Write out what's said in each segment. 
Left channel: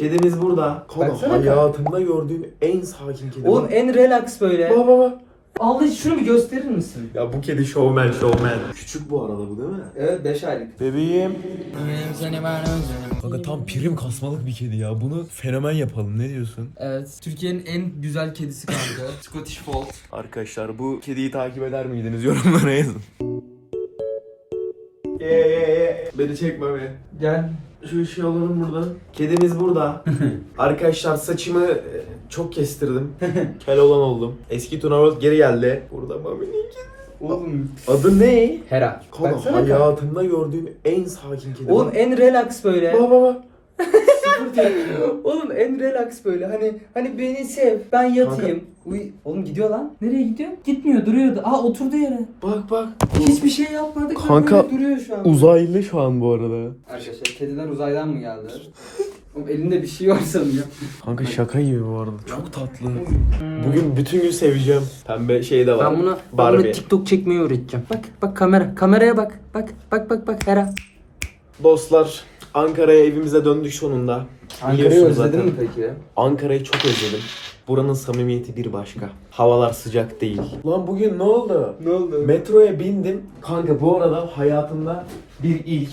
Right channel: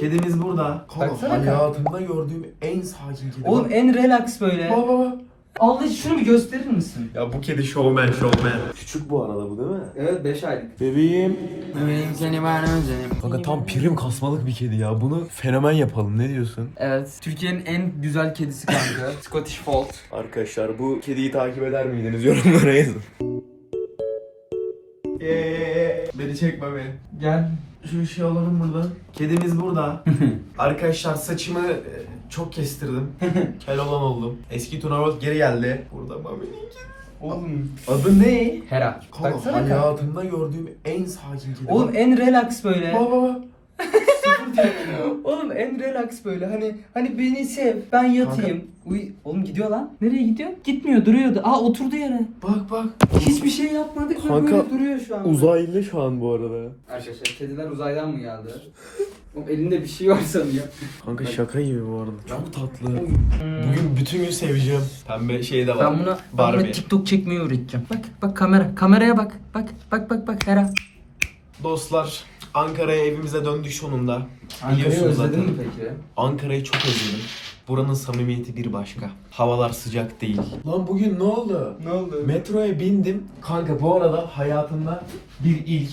Kedimiz burada. Baksana kanka. hayatımda gördüğüm en sakin kedi. Oğlum en relax böyle. Baba baba. Allah şunu bir gösterir misin? Ya bu kedi showman showman. Küçük bu arada bu değil mi? Evet 5 aylık. Bebeğim. Kanka tam prim kasmalık bir kedi ya. Bunu fenomen yapalım. Ne diyorsun? Evet. Türkiye'nin en güzel kedisi kanka. Scottish Fold. Arkadaşlar bu kediyi takip eder miydiniz? Yorumlara yazın. Eee beni çekme beni. Gel. Şu işi alalım buradan. Kedimiz burada. Arkadaşlar saçımı e, çok kestirdim. Kel olan oldum. Eski Tuna World geri geldi. Burada Mami'nin kedi. Oğlum. Adı ne? Hera. Kanka Baksana kanka. hayatımda gördüğüm en sakin kedi. Oğlum en relax böyle. Baba baba. Oğlum en relax böyle hani hani beni sev ben yatayım. Uy oğlum gidiyor lan. Nereye gidiyor? Gitmiyor duruyordu. Aa oturdu yere. Bak bak. Hiçbir şey yapmadık ve Kanka, böyle duruyor şu an. Uzaylı şu an bu arada. Arkadaşlar kediler uzaydan mı geldi? Oğlum elinde bir şey var sanıyor. Kanka şaka gibi bu arada. Çok tatlı. Bugün bütün gün seveceğim. Pembe şey de var. Ben bunu, ben Barbie. bunu TikTok çekmeyi öğreteceğim. Bak bak kamera. Kameraya bak. Bak bak bak bak Hera. Dostlar Ankara'ya evimize döndük sonunda. Biliyorsunuz zaten. peki? Ankara'yı çok özledim. Buranın samimiyeti bir başka. Havalar sıcak değil. Lan bugün ne oldu? Ne oldu? Metroya bindim. Kanka bu arada hayatımda bir ilk.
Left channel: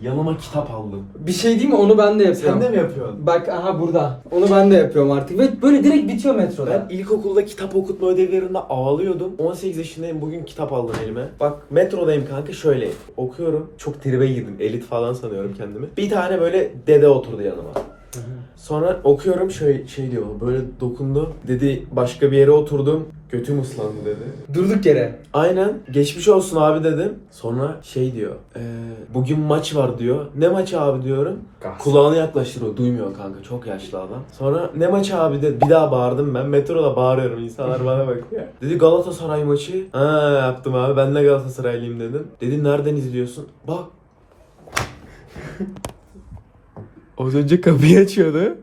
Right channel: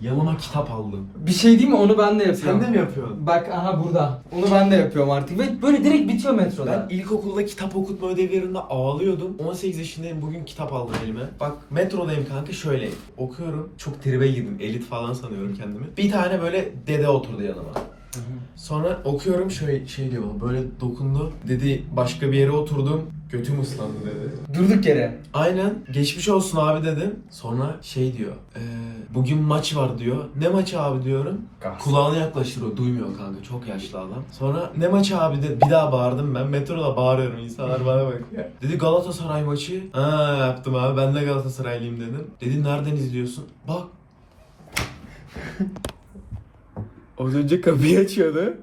Yanıma kitap aldım. Bir şey değil mi? Onu ben de yapıyorum. Sen de mi yapıyorsun? Bak aha burada. Onu ben de yapıyorum artık. Ve böyle direkt bitiyor metroda. Ben ilkokulda kitap okutma ödevlerinde ağlıyordum. 18 yaşındayım bugün kitap aldım elime. Bak metrodayım kanka şöyle okuyorum. Çok tribe girdim. Elit falan sanıyorum kendimi. Bir tane böyle dede oturdu yanıma. Sonra okuyorum şey şey diyor böyle dokundu. Dedi başka bir yere oturdum. Götüm ıslandı dedi. Durduk yere. Aynen. Geçmiş olsun abi dedim. Sonra şey diyor. "Ee, bugün maç var diyor. Ne maçı abi diyorum. Gaz. Kulağını yaklaştırıyor. Duymuyor kanka. Çok yaşlı adam. Sonra ne maçı abi de bir daha bağırdım ben. Metroda bağırıyorum. İnsanlar bana bakıyor. Dedi Galatasaray maçı. Ha yaptım abi. Ben de Galatasaraylıyım dedim. Dedi nereden izliyorsun? Bak. Az önce kapıyı açıyordu.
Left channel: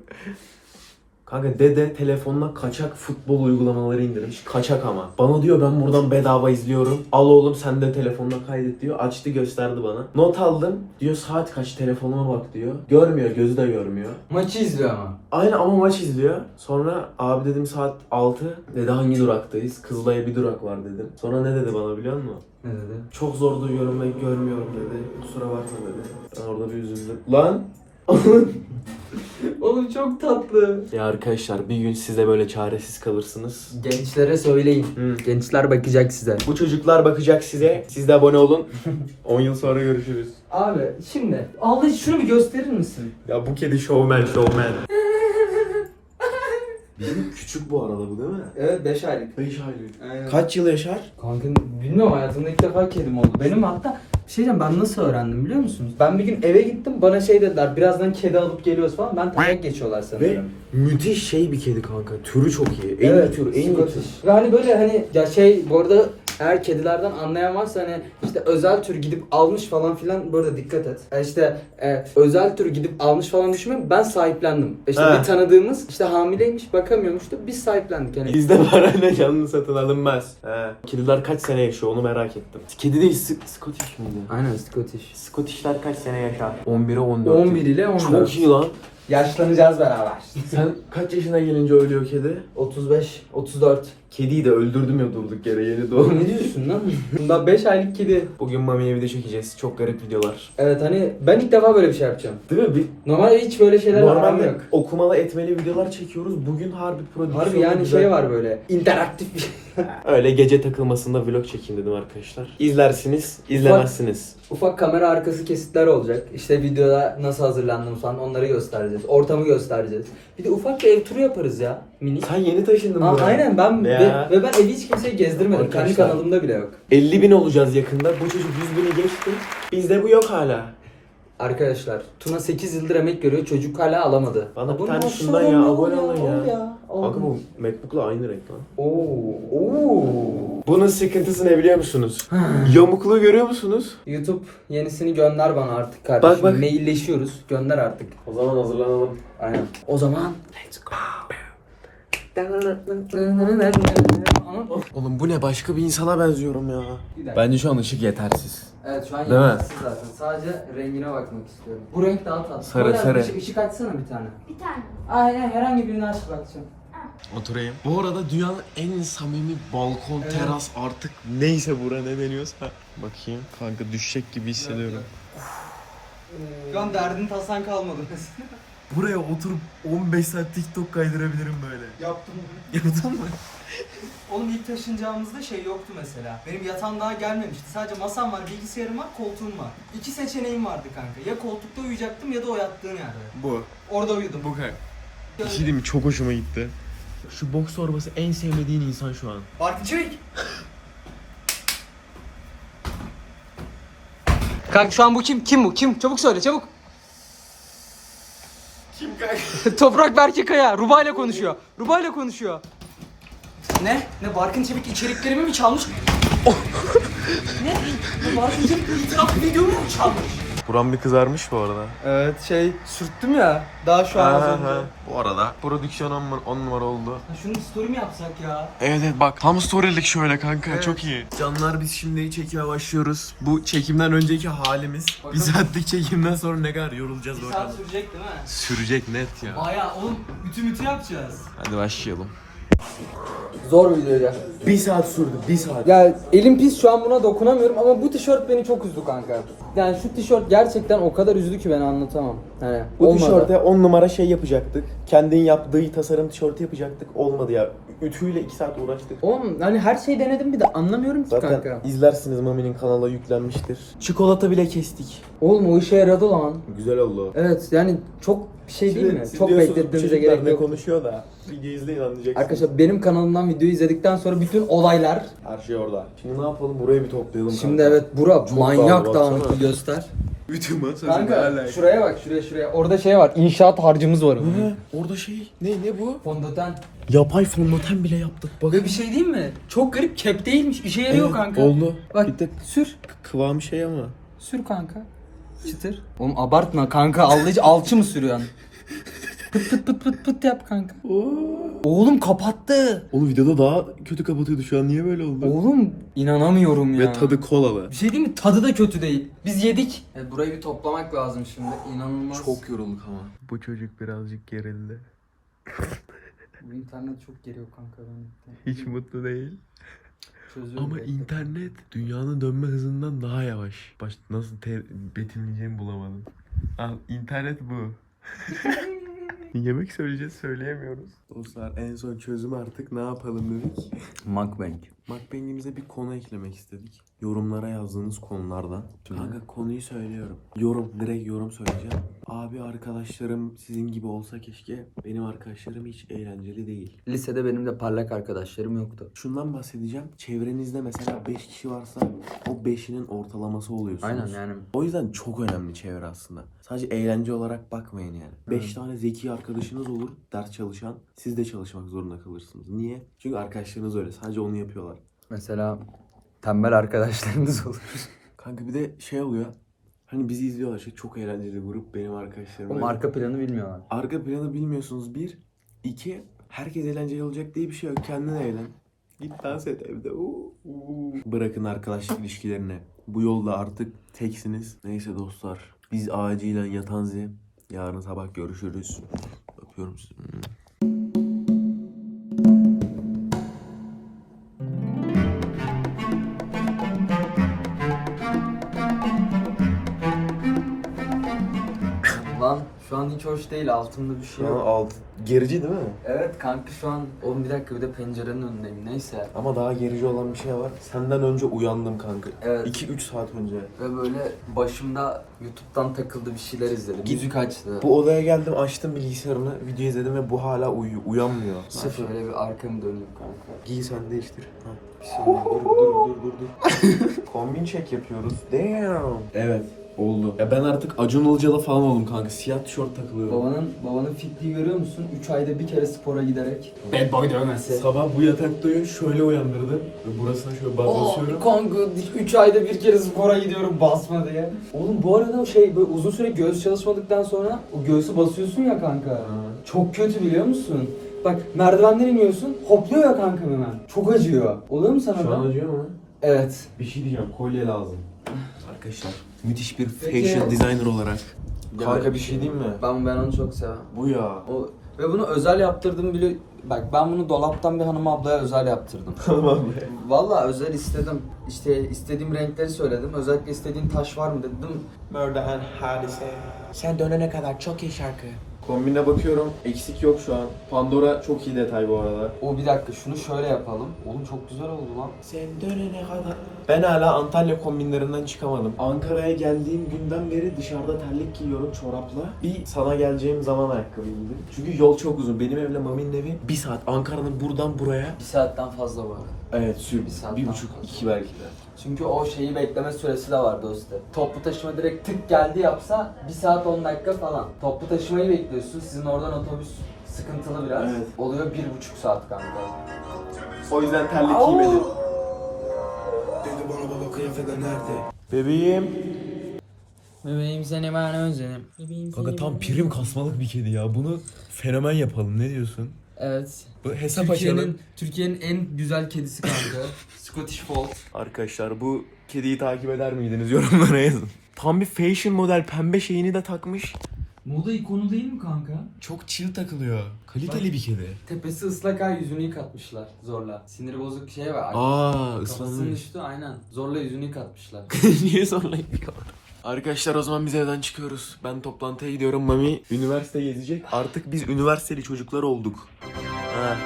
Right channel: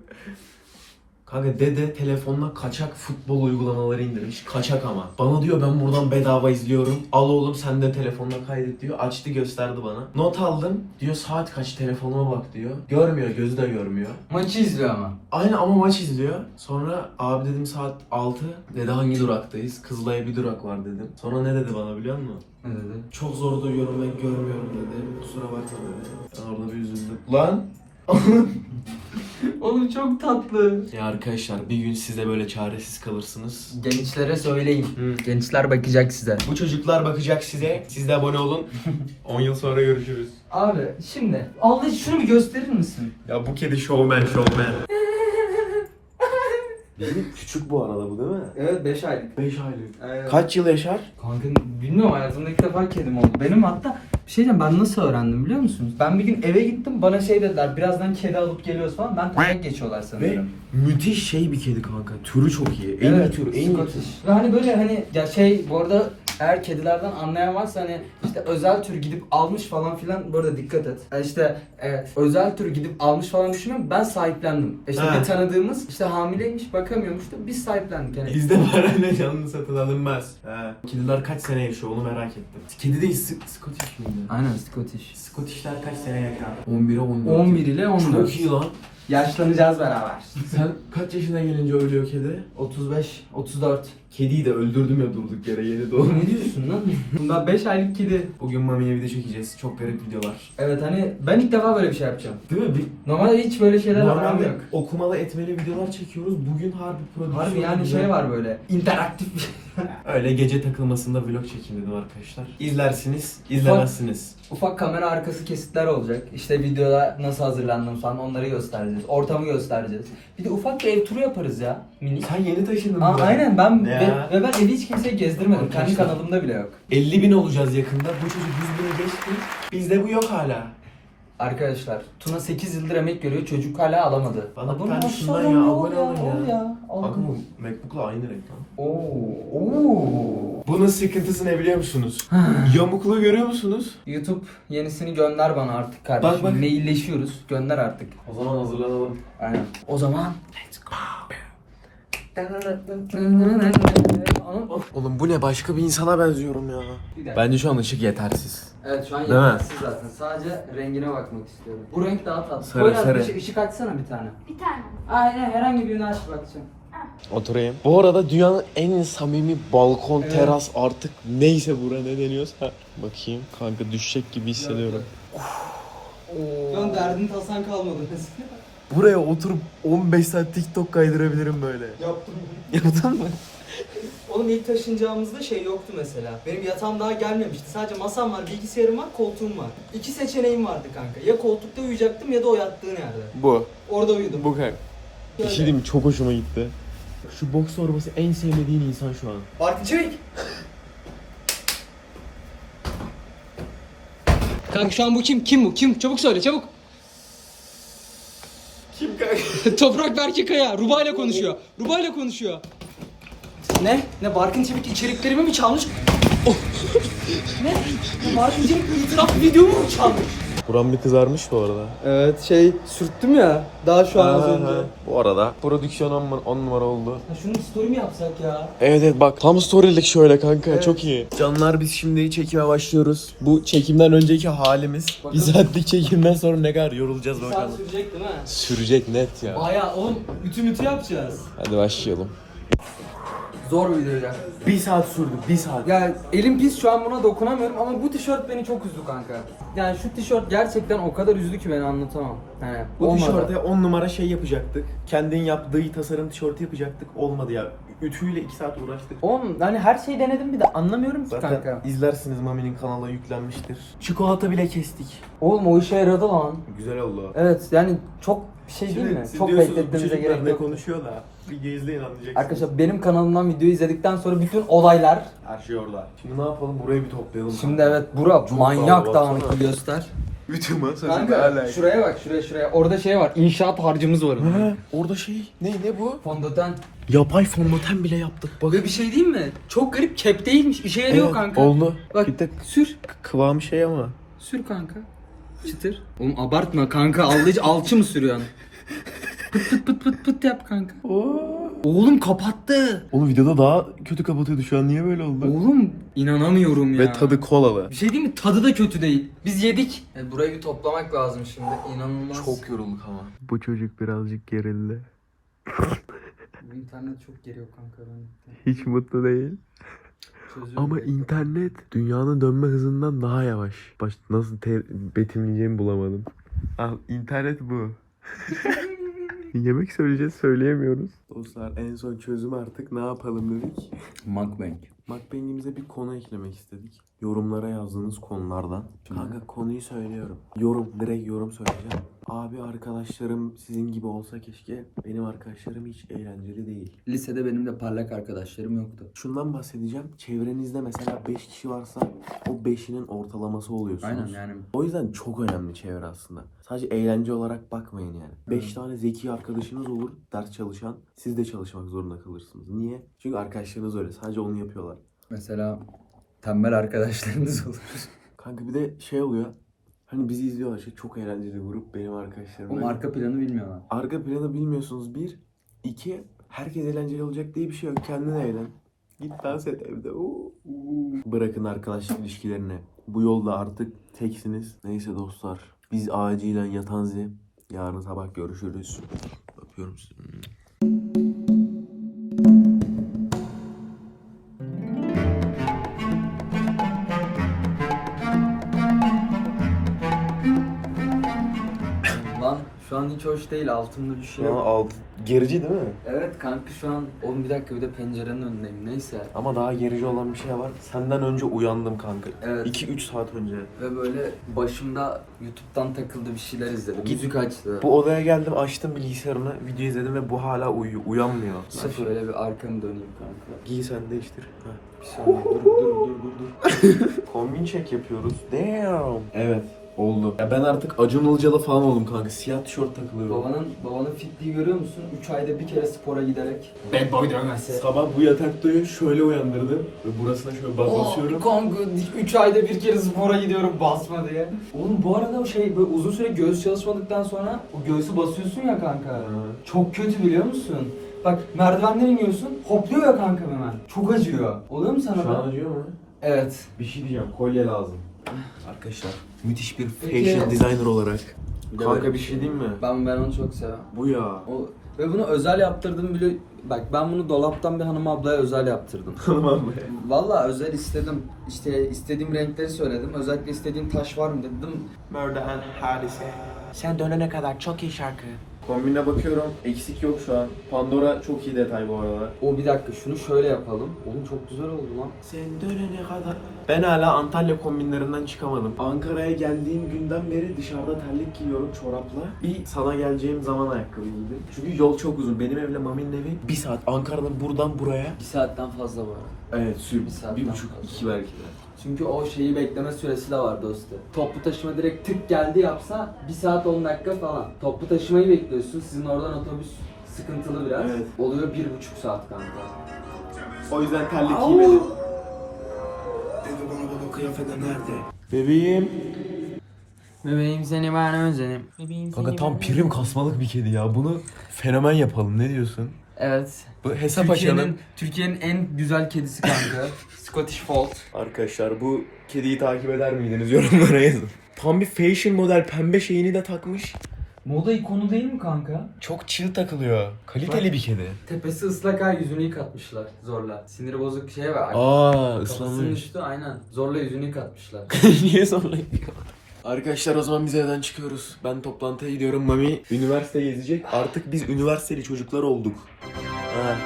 Kanka dede telefonuna kaçak futbol uygulamaları indirmiş. Kaçak ama. Bana diyor ben buradan bedava izliyorum. Al oğlum sen de telefonuna kaydet diyor. Açtı gösterdi bana. Not aldım. Diyor saat kaç telefonuma bak diyor. Görmüyor gözü de görmüyor. Maçı izliyor ama. Aynı ama maç izliyor. Sonra abi dedim saat 6. Dedi hangi duraktayız? Kızılay'a bir durak var dedim. Sonra ne dedi bana biliyor musun? Ne dedi? Çok zor duyuyorum ben görmüyorum dedi. Kusura bakma dedi. Ben orada bir üzüldüm. Lan! Oğlum çok tatlı. Ya arkadaşlar bir gün siz de böyle çaresiz kalırsınız. Gençlere söyleyin. Hı. Gençler bakacak size. Bu çocuklar bakacak size. Siz de abone olun. 10 yıl sonra görüşürüz. Abi şimdi Allah şunu bir gösterir misin? Ya bu kedi showman showman. Bizim küçük bu arada bu değil mi? Evet 5 aylık. 5 aylık. Aynen. Kaç yıl yaşar? Kanka bilmiyorum hayatımda ilk defa kedim oldu. Benim hatta bir şey diyeceğim ben nasıl öğrendim biliyor musunuz? Ben bir gün eve gittim bana şey dediler birazdan kedi alıp geliyoruz falan. Ben tayak geçiyorlar Ve müthiş şey bir kedi kanka. Türü çok iyi. En iyi tür. En iyi tür. Scottish. Ve hani böyle hani ya şey bu arada eğer kedilerden anlayan varsa hani işte özel tür gidip almış falan filan burada dikkat et. Yani işte e, özel tür gidip almış falan düşünmeyin ben sahiplendim. İşte He. bir tanıdığımız işte hamileymiş bakamıyormuştu biz sahiplendik yani. Bizde var anne canlı satın alınmaz. He. Kediler kaç sene yaşıyor onu merak ettim. Kedi değil S- Scottish mi bu? Aynen Scottish. Scottishler kaç sene yaşar? 11'e 14. 11 ile 14. Çok iyi lan. Yaşlanacağız beraber. Sen kaç yaşına gelince ölüyor kedi? 35, 34. Kediyi de öldürdüm ya durduk yere yeni doğum. ne diyorsun lan? Bundan 5 aylık kedi. Bugün Mami'ye video çekeceğiz. Çok garip videolar. Evet hani ben ilk defa böyle bir şey yapacağım. Değil mi? Bir, Normalde hiç böyle şeylerle aram normalde yok. okumalı etmeli videolar çekiyoruz. Bugün harbi prodüksiyon. Harbi yani güzel. şey var böyle interaktif bir şey. Öyle gece takılmasında vlog çekeyim dedim arkadaşlar. İzlersiniz, izlemezsiniz. Ufak kamera arkası kesitler olacak. İşte videoda nasıl hazırlandım falan onları göstereceğiz. Ortamı göstereceğiz. Bir de ufak bir ev turu yaparız ya. Minik. Sen yeni taşındın Aa, buraya. aynen ben ve, Ya. ve ben evi hiç kimseye gezdirmedim. Kendi Arkadaşlar. kanalımda bile yok. 50 bin olacağız yakında. Bu çocuk 100 bini geçti. Bizde bu yok hala. Arkadaşlar Tuna 8 yıldır emek görüyor çocuk hala alamadı. Bana bir Abone tane ol, şundan şundan ya, ol abone olun ya. ol ya. Aldım. bu Macbook'la aynı renk lan. Oo, oo. Bunun sıkıntısı ne biliyor musunuz? Yamukluğu görüyor musunuz? YouTube yenisini gönder bana artık kardeşim. Bak, bak. Mailleşiyoruz. Gönder artık. O zaman hazırlanalım. Aynen. O zaman Ama Oğlum bu ne başka bir insana benziyorum ya. Bence şu an ışık yetersiz. Evet şu an Değil mi? yetersiz zaten. Sadece rengine bakmak istiyorum. Bu renk daha tatlı. Sarı, Koy abi, sarı. ışık- ışık açsana bir tane. Bir tane. Aynen herhangi birini aç bakacağım. Oturayım. Bu arada dünyanın en samimi balkon, Evet. teras artık neyse bura ne deniyorsa. Bakayım kanka düşecek gibi hissediyorum. Şu an derdin tasan kalmadı. Buraya oturup 15 saat TikTok kaydırabilirim böyle. Yaptım. Yaptın mı? Oğlum ilk taşınacağımızda şey yoktu mesela. Benim yatağım daha gelmemişti. Sadece masam var, bilgisayarım var, koltuğum var. İki seçeneğim vardı kanka. Ya koltukta uyuyacaktım ya da o yattığın yerde. Bu. Orada uyudum. Bu kanka. Bir şey diyeyim mi? Çok hoşuma gitti. Şu boks torbası en sevmediğin insan şu an. Barkıcık. Kanka şu an bu kim? Kim bu? Kim? Çabuk söyle çabuk. Kim kanka? Toprak Berke Kaya. Ruba ile konuşuyor. Ruba ile konuşuyor. Ne? Ne Barkın Çevik içeriklerimi mi çalmış? Oh. ne? Barkın Çevik bir itiraf videomu mu çalmış? Buram bir kızarmış bu arada. Evet şey sürttüm ya. Daha şu an az. Bu arada prodüksiyon 10 numara oldu. Ya Şunu story mi yapsak ya? Evet evet bak tam storylik şöyle kanka Evet. çok iyi. Canlar biz şimdi çekime başlıyoruz. Bu çekimden önceki halimiz. Bakalım. Bir saatlik çekimden sonra ne kadar yorulacağız Bir saat bakalım. sürecek değil mi? Sürecek net ya. Baya oğlum ütü mütü yapacağız. Hadi başlayalım. Zor bir videoydu. Bir saat sürdü bir saat. Ya elim pis şu an buna dokunamıyorum ama bu tişört beni çok üzdü kanka. Yani şu tişört gerçekten o kadar üzdü ki ben anlatamam. Yani Bu olmadı. tişörte 10 numara şey yapacaktık. Kendin yaptığı tasarım tişörtü yapacaktık. Olmadı ya. Ütüyle 2 saat uğraştık. Oğlum hani her şeyi denedim bir de anlamıyorum ki Zaten kanka. izlersiniz Mami'nin kanala yüklenmiştir. Çikolata bile kestik. Oğlum o işe yaradı lan. Güzel oldu. Evet yani çok şey değil mi? siz Çok diyorsunuz, bekletmemize çocuklar gerek ne yok. konuşuyor da. Bir izleyin anlayacaksınız. Arkadaşlar benim kanalımdan videoyu izledikten sonra bütün olaylar Her şey orada. Şimdi ne yapalım? Burayı bir toplayalım. Şimdi kanka. evet bura Çok manyak pahalı, dağınık bir göster. Ütü masası Kanka şuraya bak şuraya şuraya. Orada şey var inşaat harcımız var. Ha, orada şey ne ne bu? Fondöten. Yapay fondöten bile yaptık. Bak. Ve bir şey diyeyim mi? Çok garip kep değilmiş. İşe yarıyor kanka. Oldu. Bak Bir tek sür. kıvamı şey ama. Sür kanka. Çıtır. Oğlum abartma kanka. Aldıcı alçı mı sürüyorsun? Pıt pıt pıt pıt pıt yap kanka. Oğlum kapattı. Oğlum videoda daha kötü kapatıyordu şu an niye böyle oldu? Oğlum inanamıyorum ya. Ve tadı kolalı. Bir şey değil mi? Tadı da kötü değil. Biz yedik. burayı bir toplamak lazım şimdi. İnanılmaz. Çok yorulduk ama. Bu çocuk birazcık gerildi. Bu internet çok geriyor kanka ben. Hiç mutlu değil. Çözüyorum. Ama bekle. internet dünyanın dönme hızından daha yavaş. Baş, nasıl te- betimleyeceğimi bulamadım. Al internet bu. Yemek söyleyeceğiz söyleyemiyoruz. Dostlar en son çözüm artık ne yapalım dedik. Mukbang. Mukbang'imize bir konu eklemek istedik. Yorumlara yazdığınız konulardan. Kanka konuyu söylüyorum. Yorum, direkt yorum söyleyeceğim. Abi arkadaşlarım sizin gibi olsa keşke. Benim arkadaşlarım hiç eğlenceli değil. Lisede benim de parlak arkadaşlarım yoktu. Şundan bahsedeceğim. Çevrenizde mesela 5 kişi varsa o 5'inin ortalaması oluyorsunuz. Aynen yani. O yüzden çok önemli çevre aslında. Sadece eğlence olarak bakmayın yani. 5 tane zeki arkadaşınız olur, ders çalışan. Siz de çalışmak zorunda kalırsınız. Niye? Çünkü arkadaşlarınız öyle. Sadece onu yapıyorlar. Mesela tembel arkadaşlarınız olur. Kanka bir de şey oluyor. Hani bizi izliyorlar şey çok eğlenceli grup benim arkadaşlarım. Oğlum öyle. arka planı bilmiyorlar. Arka planı bilmiyorsunuz bir. iki herkes eğlenceli olacak diye bir şey yok. Kendin eğlen. Git dans et evde. Oo, oo. Bırakın arkadaşlık ilişkilerini. Bu yolda artık teksiniz. Neyse dostlar. Biz acilen yatanzi. Yarın sabah görüşürüz. Öpüyorum sizi. Şu an hiç hoş değil altımda bir şey yok. alt gerici değil mi? Evet kanka şu an oğlum bir dakika bir de pencerenin önündeyim neyse. Ama daha gerici olan bir şey var. Senden önce uyandım kanka. Evet. 2-3 saat önce. Ve böyle başımda YouTube'dan takıldı bir şeyler izledim. Git- Müzik açtı. Bu odaya geldim açtım bilgisayarını video izledim ve bu hala uyuyor. Uyanmıyor. Şöyle bir arkamı döneyim kanka. Giy sen değiştir. Ha. Bir şey olmaz. dur dur dur dur dur. Kombin check yapıyoruz. Damn. Evet. Oldu. Ya ben artık Acun Ilıcalı falan oldum kanka. Siyah tişört takılıyorum. Babanın babanın fitliği görüyor musun? 3 ayda bir kere spora giderek. Bad boy dövmesi. Sabah bu yatakta uyuyor şöyle uyandırdı. Ve burasına şöyle bas- basıyorum. Kanka 3 ayda bir kere spora gidiyorum basma diye. Oğlum bu arada o şey böyle uzun süre göğüs çalışmadıktan sonra o göğsü basıyorsun ya kanka. Ha. Çok kötü biliyor musun? Bak merdivenden iniyorsun hopluyor ya kanka hemen. Çok acıyor. Oluyor mu sana Şu da? an acıyor mu? Evet. Bir şey diyeceğim. Kolye lazım. Arkadaşlar müthiş bir Peki- fashion designer olarak. Kanka bir şey diyeyim mi? Ben ben onu çok seviyorum. Bu ya. O, ve bunu özel yaptırdım bile. Bak ben bunu dolaptan bir hanım ablaya özel yaptırdım. Tamam mı? Valla özel istedim. İşte istediğim renkleri söyledim. Özellikle istediğin taş var mı dedim. Murder hadise. Sen dönene kadar çok iyi şarkı. Kombine bakıyorum. Eksik yok şu an. Pandora çok iyi detay bu arada. O bir dakika şunu şöyle yapalım. Oğlum çok güzel oldu lan. Sen dönene kadar. Ben hala Antalya kombinlerinden çıkamadım. Ankara'ya geldiğim günden beri dışarıda terlik giyiyorum çorapla. Bir sana geleceğim zaman ayakkabı giydim. Çünkü yol çok uzun. Benim evle Mami'nin evi bir saat. Ankara'dan buradan buraya. Bir saatten fazla arada. Evet sür. Bir saat Bir buçuk, fazla. iki belki de. Çünkü o şeyi bekleme süresi de var dostum. Toplu taşıma direkt tık geldi yapsa 1 saat 10 dakika falan. Toplu taşımayı bekliyorsun. Sizin oradan otobüs sıkıntılı biraz. Evet. Oluyor bir buçuk saat kanka. O yüzden terlik giymedim. Nerede? Bebeğim. Bebeğim seni ben özledim. Bebeğim Kanka tam prim kasmalık bir kedi ya. Bunu fenomen yapalım. Ne diyorsun? Evet. Bu hesap açalım. Türkiye'nin Türkiye'nin en güzel kedisi kanka. Scottish Fold. Arkadaşlar bu kediyi takip eder miydiniz yorumlara yazın. Tam bir fashion model pembe şeyini de takmış. Moda ikonu değil mi kanka? Çok chill takılıyor. Kaliteli bir kedi. Tepesi ıslak ha yüzünü yıkatmışlar zorla. Sinir bozuk şey var. Aa Kafasının ıslanmış. üstü aynen. Zorla yüzünü yıkatmışlar. Niye sonra yapıyorlar? Arkadaşlar o zaman biz evden çıkıyoruz. Ben toplantıya gidiyorum. Mami üniversite gezecek. Artık biz üniversiteli çocuklar olduk. Ha.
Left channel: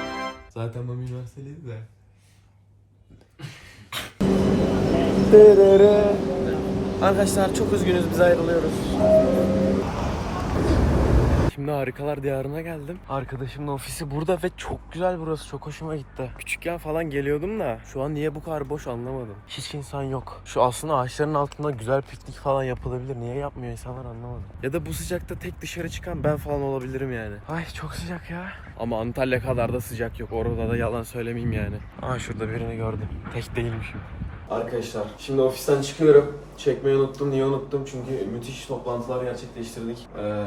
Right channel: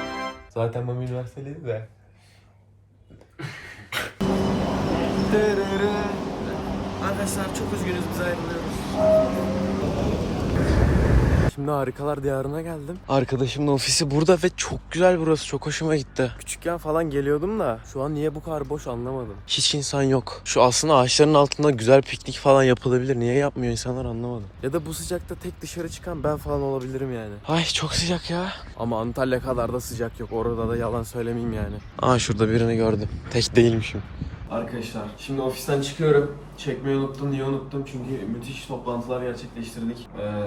Zaten Mami üniversiteliydi de. Arkadaşlar çok üzgünüz biz ayrılıyoruz. Şimdi harikalar diyarına geldim. Arkadaşımın ofisi burada ve çok güzel burası. Çok hoşuma gitti. Küçükken falan geliyordum da şu an niye bu kadar boş anlamadım. Hiç insan yok. Şu aslında ağaçların altında güzel piknik falan yapılabilir. Niye yapmıyor insanlar anlamadım. Ya da bu sıcakta tek dışarı çıkan ben falan olabilirim yani. Ay çok sıcak ya. Ama Antalya kadar da sıcak yok. Orada da yalan söylemeyeyim yani. Aa şurada birini gördüm. Tek değilmişim. Arkadaşlar şimdi ofisten çıkıyorum. Çekmeyi unuttum. Niye unuttum? Çünkü müthiş toplantılar gerçekleştirdik. Ee,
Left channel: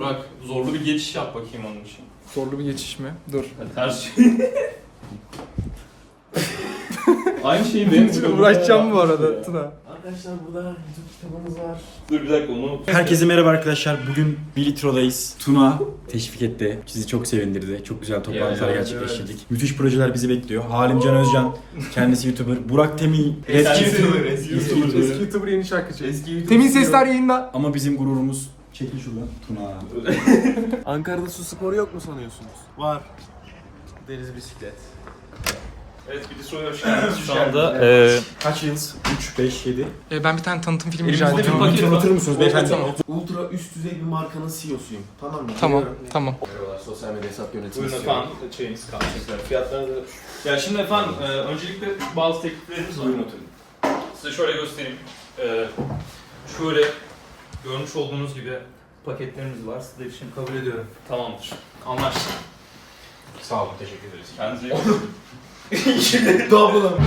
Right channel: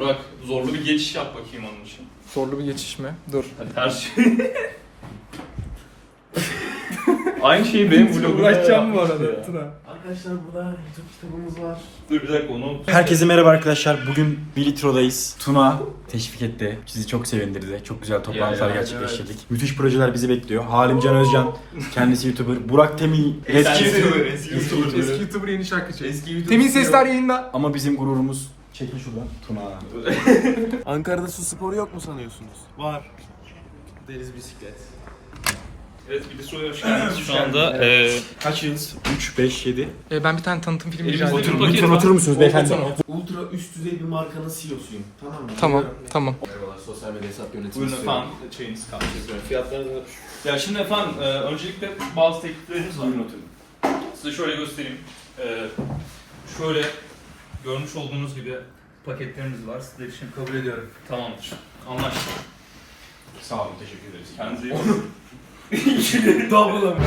Bak zorlu bir geçiş yap bakayım onun için. Zorlu bir geçiş mi? Dur. Hadi ters. Aynı şeyi benim vlogumda Uğraşacağım ya. bu arada Tuna. Arkadaşlar burada YouTube kitabımız var. Dur bir dakika onu. Herkese merhaba arkadaşlar. Bugün Bilitro'dayız. Tuna teşvik etti. Sizi çok sevindirdi. Çok güzel toplantılar Ya, ya, gerçekleştirdik. Müthiş projeler bizi bekliyor. Halimcan Özcan, kendisi YouTuber. Burak Temi, Eski eski YouTuber, eski YouTuber. Eski YouTuber yeni şarkıcı. Eski YouTube Temin sesler yayında. Ama bizim gururumuz çekil şuradan. Tuna. Ankara'da su sporu yok mu sanıyorsunuz? Var. Deniz bisiklet. Evet bir de soruya hoş geldiniz. Şu anda e, Kaç yılız? 3, 5, 7. Ee, ben bir tane tanıtım filmi rica Oturun ediyorum. Lütfen oturur musunuz beyefendi? Tamam. Ultra üst düzey bir markanın CEO'suyum. Tamam mı? Tamam, tamam. Merhabalar, sosyal medya hesap yönetimi Buyurun istiyorum. efendim çayınız kalmış. Fiyatları da... Ya şimdi efendim e, öncelikle bazı tekliflerimiz var. Buyurun oturun. Size şöyle göstereyim. E, şöyle görmüş olduğunuz gibi paketlerimiz var. Sizler için kabul ediyorum. Tamamdır. Anlaştık. Sağ olun, teşekkür ederiz. Kendinize iyi bakın. Double'ım.